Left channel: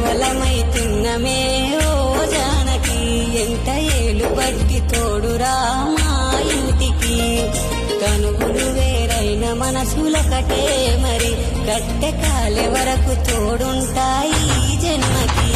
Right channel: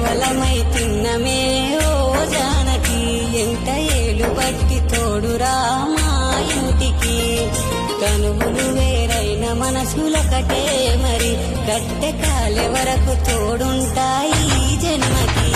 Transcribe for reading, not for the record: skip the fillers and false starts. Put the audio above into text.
మువ్వలమైతున్నమే ఓ జానకి ఎంత ఏలు బట్టి తోడురా మా ఇంటికి కనువులు వేరైన మనసులొకటే మరి కట్టె కాలే వరకు తోడుంటాయి జన్మకి